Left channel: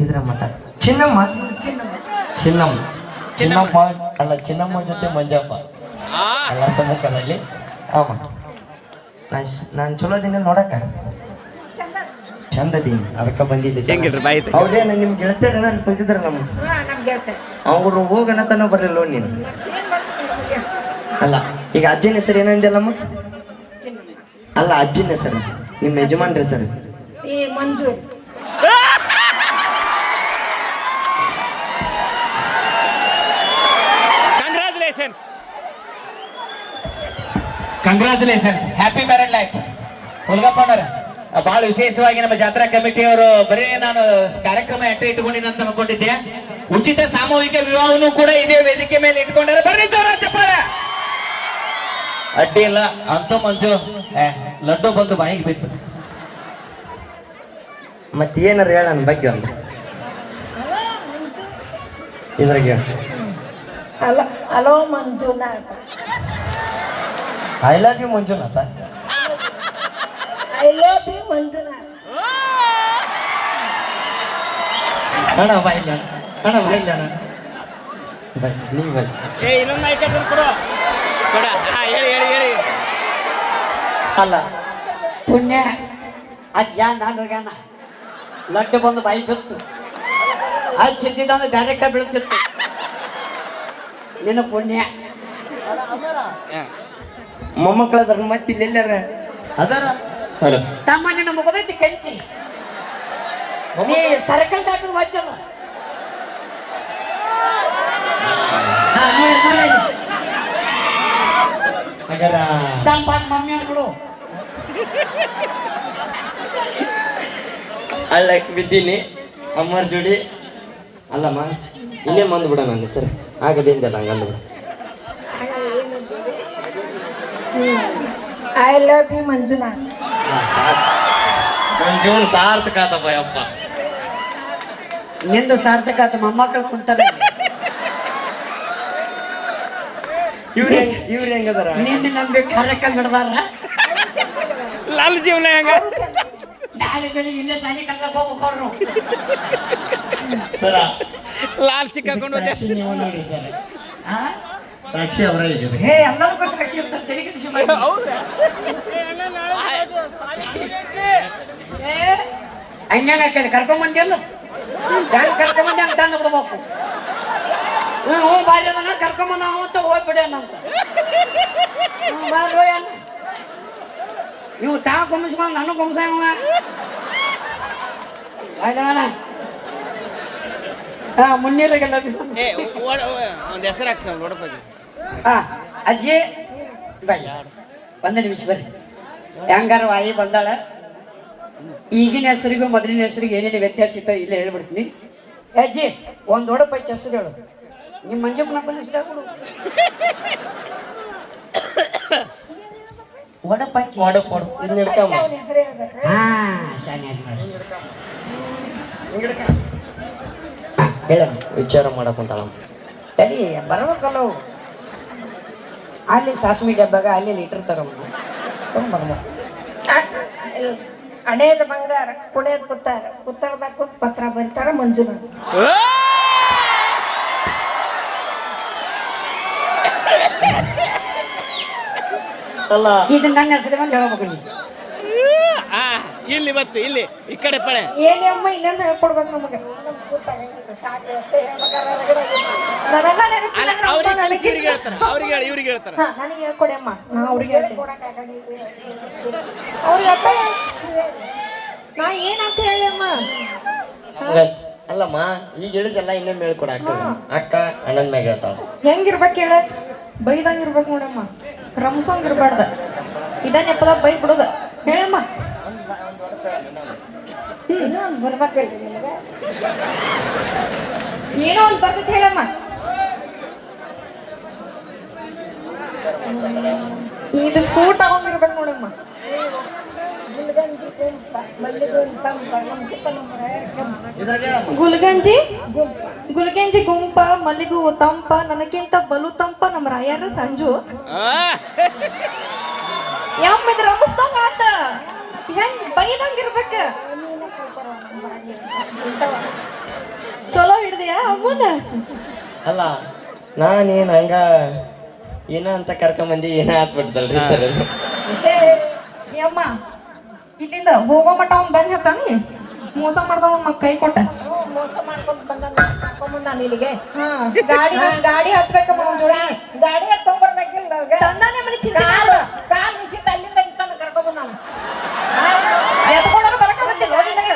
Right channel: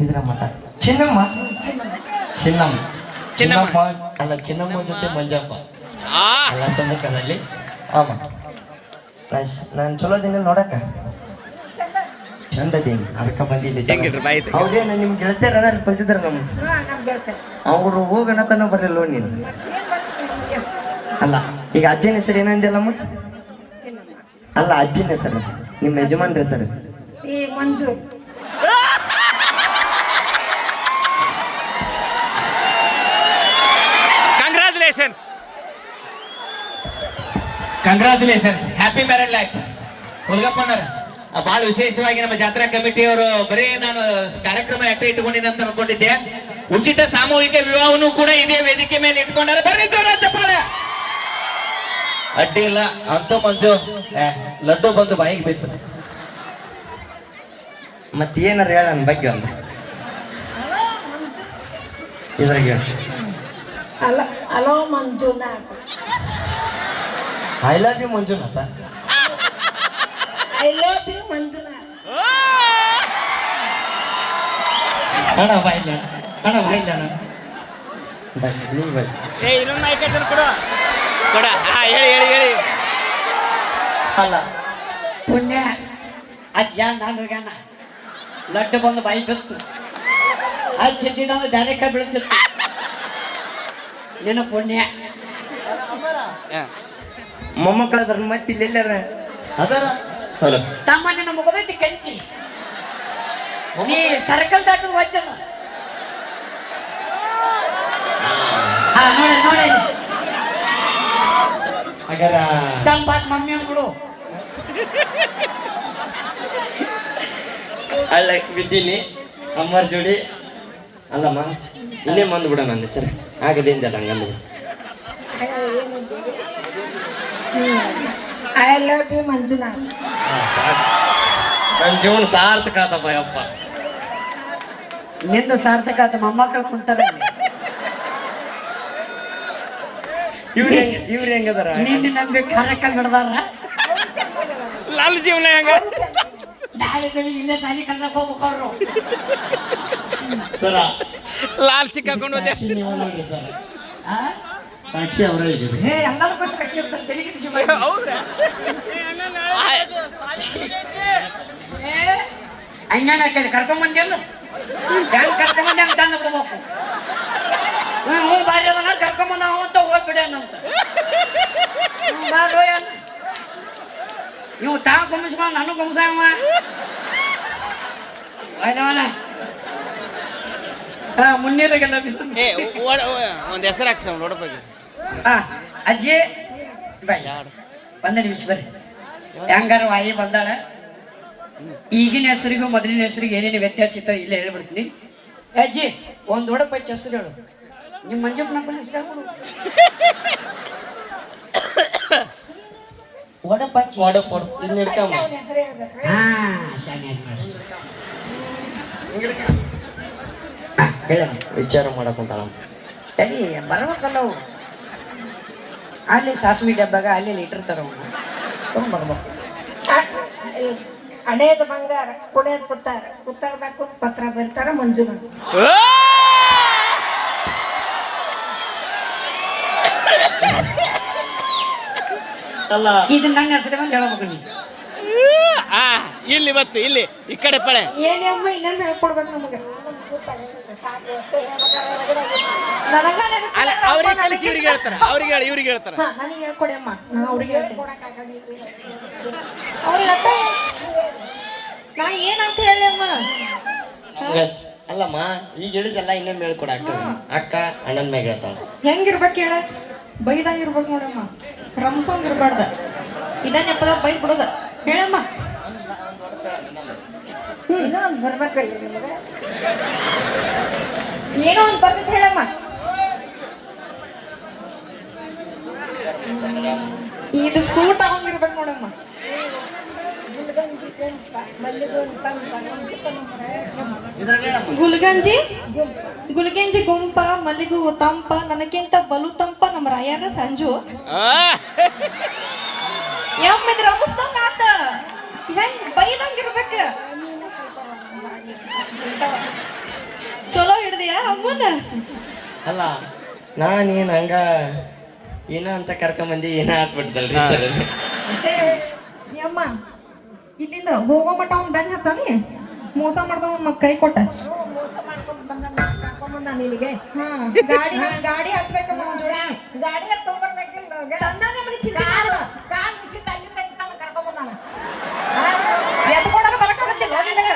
ಇದ್ರ ಮಠ ಚಿನ್ನಮ್ಮ ಚಿನ್ನಮ್ಮ ಚಿನ್ನಮ್ಮ ಅಲ್ಲ ಚಿನ್ನಮ್ಮ ಜೊತೆ ಮಂಜಪ್ಪ ಎಲ್ಲ ಸಮಯದಲ್ಲಿ ಆಮ ನಾನು ಚಲೋ ದಿನ ನೋಡಕ್ಕ ಚಂದದೀನಿ ಅದಕ್ಕೆ ಬಂದಿದ್ದೆ ಹೌದೇನು ನಿಮ್ ಗೆಳತಿಯರ ಅಲ್ಲಿ ಬಂದಿದ್ರ ನಮ್ಮ ಅವ್ರು ಹೋಗನತನ ಬರಲಿಲ್ಲ ನೀನು ಅಲ್ಲ ಈಗ ಅಜ್ಜಿನ ಹೆಸರು ಏನಂದಿಲ್ಲಮ್ಮ ಅಲ್ಲ ಅಜ್ಜಿನ ಹೆಸರು ನಿಮ್ಮ ಯಜಮಾನ್ರ ಹೆಸರು ಮಂಜು ಕಂಗ್ರಾಚುಲೇಷನ್ಸ್ ಹ್ಯಾಪಿ ಮ್ಯಾರೇಡ್ ಲೈಫ್ ಹುಲ್ಗಪ್ಪನವ್ರ ಬಹಳ ವಿಶೇಷವಾಗಿ ನಮ್ಮ ಜಾತ್ರಾ ಕಮಿಟಿಯವರು ಬರೀ ನಾನು ಕಾರ್ಯಕ್ರಮ ಇಟ್ಕೊಂಡಿನ ಅಂತ ಅನ್ಕೊಂಡಿದ್ದೆ ಉಚಿತ ಸಾಮೂಹಿಕ ವಿವಾಹವನ್ನು ಕೂಡ ಇದೇ ವೇದಿಕೆ ಮೇಲೆ ಇಟ್ಕೊಂಡಾರ ಬರ್ರಿ ರಾಜ್ಯಪಾಲ ಅಡ್ಡಿ ಇಲ್ಲ ಅಂತ ಮಂಜು ಲಡ್ಡು ಬಂದು ಬಾಯಿಗೆ ಬಿತ್ತು ಮತ್ತೇನಾರು ಹೇಳ ನನ್ನ ಬಗ್ಗೆ ಒಂದು ಇದ್ರಾಗ hello Manjunath I love you Manjunath I love you Manjunath ಅಣ್ಣ ಬಾಯಿಲ್ಲ ಅಣ್ಣ ಬಾಯಿಲ್ಲ ಬೈ ನೀವು ಬೈ ಇನ್ನೊಂದು ಐಕನ್ ಕೊಡ ಕೊಡ ಹೇಳಿ ಅಲ್ಲ ಪುಣ್ಯ ಅಜ್ಜ ನಾನು ಲಡ್ಡು ಬಂದು ಬಾಯಿ ಬಿತ್ತು ಅಜ್ಜಿದ್ದಂದ್ರೆ ಬ್ಯಾರೆ ಕೈ ಬೀಳ್ತಿತ್ತು ನಿನ್ನ ಪುಣ್ಯ ಮೊಮ್ಮಕ್ಕಳ ಅದ್ರ ಮತ್ತೆ ಇಲ್ಲೆಲ್ಲಾರ ಅದಾರ ತಮ್ಮ ನಿನ್ನ ಮುಗದೈತಿ ಕಂತಿ ನೀ ಸರ್ಕಲ್ ದಾಟು ಹಚ್ಚದ ನೋಡಿ ತನ್ನ ಬಾತ್ ಮಮ್ಮಿ ಅಂದ್ಬಿಡು ಅಲ್ಲ ಬಿದ್ದೀನಿ ಅಮ್ಮರ ಜೋಡಿ ಅಲ್ಲಮ್ಮ ಇನ್ನೇ ಮಂದು ಬಿಡ ನನ್ನ ಹೆಸರು ಆಗದಿಂದ ಹಂಗೆ ಅಂದ್ಬಿಡು ಐ ಲವ್ ಯು ಮಂಜುನಾಥ್ ನನ್ನ ಜೀವನ ಸಾರ್ಥಕ ಆತಪ್ಪ ಅಪ್ಪ ನಿಂದು ಸಾರ್ಥಕ ಆತ ಮೊಮ್ಮಕ್ಕಳು ಕುಂತಾರ ಇವ್ರು ಹೆಂಗದಾರ ನಿನ್ನ ನಂಬಿ ಕಾರ್ಯಕ್ರಮ ಹಿಡ್ದಾರ ಲಾಲ್ ಜೀವನ ಹೆಂಗ ನಾಳೆ ಬೆಳಿಗ್ಗೆ ಇಲ್ಲೇ ಸಾಲಿ ಕಲ್ಸಕ್ ಹೋಗ್ಬೇಕು ಸರ ಲಾಲ್ ಸಿಕ್ಕಾಕೊಂಡು ಹೋದೆ ನೋಡ್ರಿ ಸರ್ ಸಾಕ್ಷಿ ಅವರೇ ಇದ್ದೀರಿ ಹೇ ಎಲ್ಲದಕ್ಕೂ ಕಸಿ ಇರ್ತಾರೆ ತಲೆ ಕೆಡಿಸಿ ಹಂಗ್ಯಾಂಗ ಹಾಕಿದ್ರೆ ಕರ್ಕೊಂಬಂದಿ ಅಲ್ಲ ಹೆಂಗ್ ಕರ್ಕೊಂಬಂದಿ ಹಂಗೆ ತಂದು ಬಿಡ್ಬೇಕು ಹ್ಞೂ ಬಾರಿ ಅದನ್ನ ಕರ್ಕೊಂಬಂದ ಅಂತ ಹೋಗ್ಬಿಡೇನಂತ ಇವು ತಾ ಗುಮ್ಮಿಸ್ಕೊಂಡು ನಾನು ಗುಮ್ಸವ ಆಯ್ತವನ ಹಾ ಮುನ್ನೀರಿಗೆಲ್ಲ ಒಂದು ಹೆಸರು ಹಾಕ್ಸ ನೋಡಬೇಕು ಅಜ್ಜಿ ಬೈ ಒಂದು ನಿಮಿಷ ಬರ್ರಿ ಹೆಂಗಾರ ವಾಯಿ ಬಂದಾಳ ಈಗಿನ ಹೆಸರಿಗೂ ಮೊದಲಿನ ಹೆಸರಿಗೆ ಏನೇನು ವ್ಯತ್ಯಾಸ ಇತ್ತ ಇಲ್ಲ ಹೇಳ್ಬಿಡ್ತೀನಿ ಅಜ್ಜಿ ಒಂದು ಒಡಪಚ್ಚ ಹೆಸರು ಹೇಳು ನಿಮ್ಮ ಮಂಜಪ್ಪನ ಹೆಸರು ಹೇಳ್ಬಿಡು ಒಡಪಚ್ಚ ಕೊಡು ಇದನ್ನ ಇಡ್ಕಮ್ಮ ಹಾ ಶಾನೆ ಮಾಡಿ ಹೇಳ ವಿಚಾರ ಮಾಡಕ್ಕಂತಾಳಮ್ಮ ಸರಿ ಬರ್ಬೇಕಲ್ಲವು ಅಲ್ಲಿ ಸಾಸಿವೆ ಡಬ್ಬಾಗ ಅಲ್ಲಿ ಲೀಟರ್ ತಗೊಂಡು ತೊಗೊಂಡ್ಬರ್ಬೇಕು ಹಣೆಯದ ಬಂಗಾರ ಕುಡಿಯೋದು ಕುತ್ತಾರದಾಗ ಕೂತ್ ಪತ್ರ ಬರ್ತಾರ ಮಂಜುನಾಥ್ ಅಲ್ಲ ಇದು ನನ್ನ ಹೆಸರು ಮೇಲೆ ಹೇಳ್ಬೇಕು ನೀ ಇಲ್ಲಿ ಬತ್ತು ಇಲ್ಲಿ ಈ ಕಡೆ ಪಡೆ ಏನೇ ಅಮ್ಮ ಇನ್ನೊಂದು ಹೇಳ್ಕೊಡ್ಬೇಕು ನಮಗೆ ಇವ್ರಿಗೆ ಹೇಳ್ತಾರ ನನಗೆ ಹೇಳ್ಕೊಡಿ ಅಮ್ಮ ನಾ ಅವ್ರಿಗೆ ಹೇಳ್ತೀನಿ ಅವ್ರಿಗೆ ನಾ ಏನಂತ ಹೇಳಿ ಅಮ್ಮ ಅಲ್ಲಮ್ಮ ಈಗ ಹೇಳಿದೆಲ್ಲ ಇನ್ನೊಮ್ಮೆ ಹೇಳ್ಕೊಡ ಅಕ್ಕ ಅಣ್ಣನ ಮ್ಯಾಗ ಹೇಳ್ತಾವ ಹೆಂಗಿರ್ಬೇಕು ಹೇಳ ಬೈದಂಗೆ ಇರ್ಬೇಕು ನೋಡಮ್ಮ ರಮ್ಸಂಗ್ ಇರ್ಬಾರ್ದ ಇದ ನೆಪದ ಬೈ ಬಿಡೋದ ಹೇಳಮ್ಮ ಏನೋ ಒಂದು ಬರ್ಬೇಕಲ್ರಿ ನಿಮಗೆ ಏನೋ ಒಂದು ಬರ್ತೈತೆ ಹೇಳಮ್ಮ ಇದು ಸೂಟ್ ಆಗೋಂಗಿರ್ಬೇಕು ನೋಡಮ್ಮ ಗುಲ್ಗಂಜಿ ಗುಲ್ಗಂಜಿ ಗುಂಪ ಮಲ್ಲಿಗೂ ತಂಪ ನನಗಿಂತ ಬಲು ತಂಪ ನಮ್ಮ ರಾಯನ ಸಂಜು ಯಮ್ಮಿದ್ರ ರಮಿಸ್ದಂಗ ಆತ ಹೆಂಗ್ ಬೈದಂಗ ಇರ್ಬೇಕ ಚಲೋ ಹಿಡ್ದಿಯಾ ಅಮ್ಮನ ಅಲ್ಲ ನಾನೇನು ಹಂಗ ಏನೋ ಅಂತ ಕರ್ಕೊಂಬಂದು ಏನೋ ಹಾಕ್ಬಿಡ್ತಲ್ರಿ ಸರ್ ಅಮ್ಮ ಇಲ್ಲಿಂದ ಹೋಗೋ ಮಟ್ಟ ಅವ್ನ್ ಬೆನ್ ಹತ್ತಾನಿ ಮೋಸ ಮಾಡ್ಕೊಂಡ್ ಕೈ ಕೊಟ್ಟ ಹಾ ಗಾಡಿ ಹತ್ಬೇಕಮ್ಮ ಅವ್ನ್ ಜೋಡಿ ಗಾಡಿ ತಗೊಂಡ್ಬರ್ಬೇಕಿಲ್ಲ ತಂದಾನೆ ಮನೆ ಚಿಂತೆ ಮಾಡು. ಕಾಲ್ ನಿಶ್ಚಿತ ಅಲ್ಲಿಂದ ಇತ್ತಾನ ಕರ್ಕೊಂಡ್ ನಾವು ಎತ್ಕೊಂಡ್ರೆ ಬರಕ್ ಬಂದಿಲ್ಲ ನಿನಗೆ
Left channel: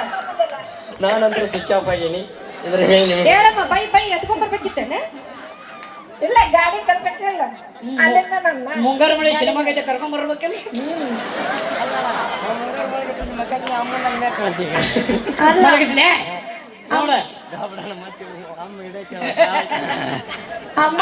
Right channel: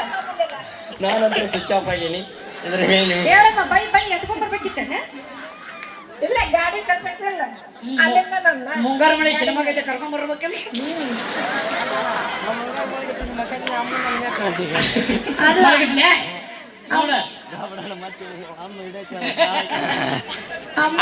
ನಾನಂತೂ ಸ್ವಿಚ್ ಆಫ್ ಆಗೀನಿ ಇದ್ರ ಹೇಳಿ ಹೇಳಮ್ಮ ಬೈ ಎತ್ಕೊಂಡ್ ಬರ್ಬೇಕಿತ್ತೇನೆ ಇಲ್ಲ ಗಾಡಿ ತರ್ಬೇಕಿಲ್ಲ ಅಲ್ಲಿಂದ ನನ್ನ ಮುಂಗಾರು ಮಳೆ ಸಿನಿಮಾಗೈತೆ ಕರ್ಕೊಂಡ್ ಬರ್ಬೇಕಲ್ಲ ಅಲ್ಲ ಮಲಗಿಸ್ಲೆ? ನೋಡ ಅಮ್ಮ